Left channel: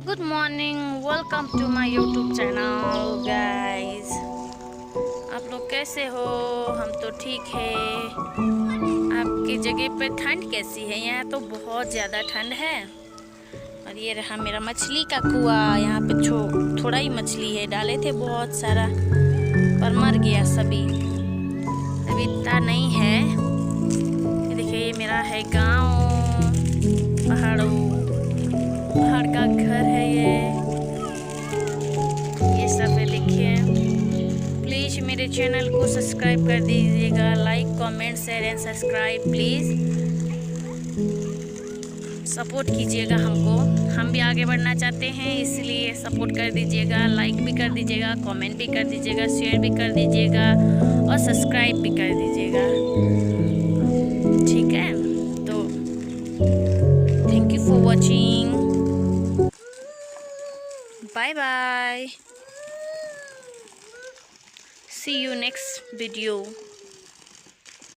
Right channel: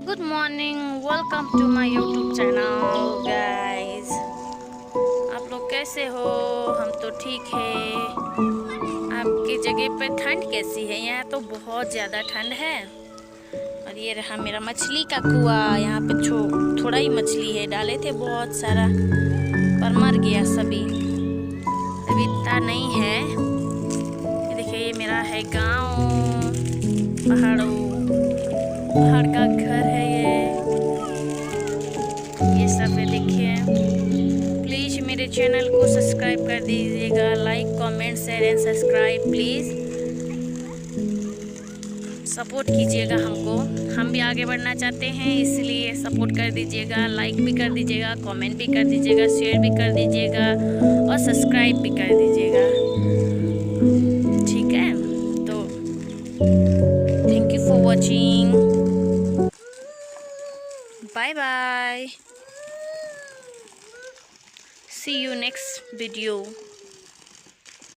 Good morning, welcome to my YouTube channel guys. आप लोग कैसे हो? हम तो ठीक है। आपकी जगह पे ठंड कैसी है? यहाँ तो बहुत ज़्यादा ठंड है। और ये रहा मेरा मछली का कुआं। यहाँ पे थोड़ा ही मछली है, डाले थे बहुत सारा पर मर गया सभी, अभी इतना नहीं है। ये देखिए, ये मेरा है गांव, पहाड़ का घर है ये सब है। देखिए, प्लीज़ मेरे चैनल को सब्सक्राइब कर दीजिएगा। Like, comment, share and subscribe please support कीजिएगा हमको। हम भी आगे बढ़ना चाहते हैं, इसलिए सपोर्ट कर दीजिएगा। लाइक भी कर दीजिएगा, कमेंट भी कर दीजिएगा, शेयर भी कर दीजिएगा और सब्सक्राइब भी कर दीजिएगा। ठीक है, तो thank you for watching. Bye bye. See you next video.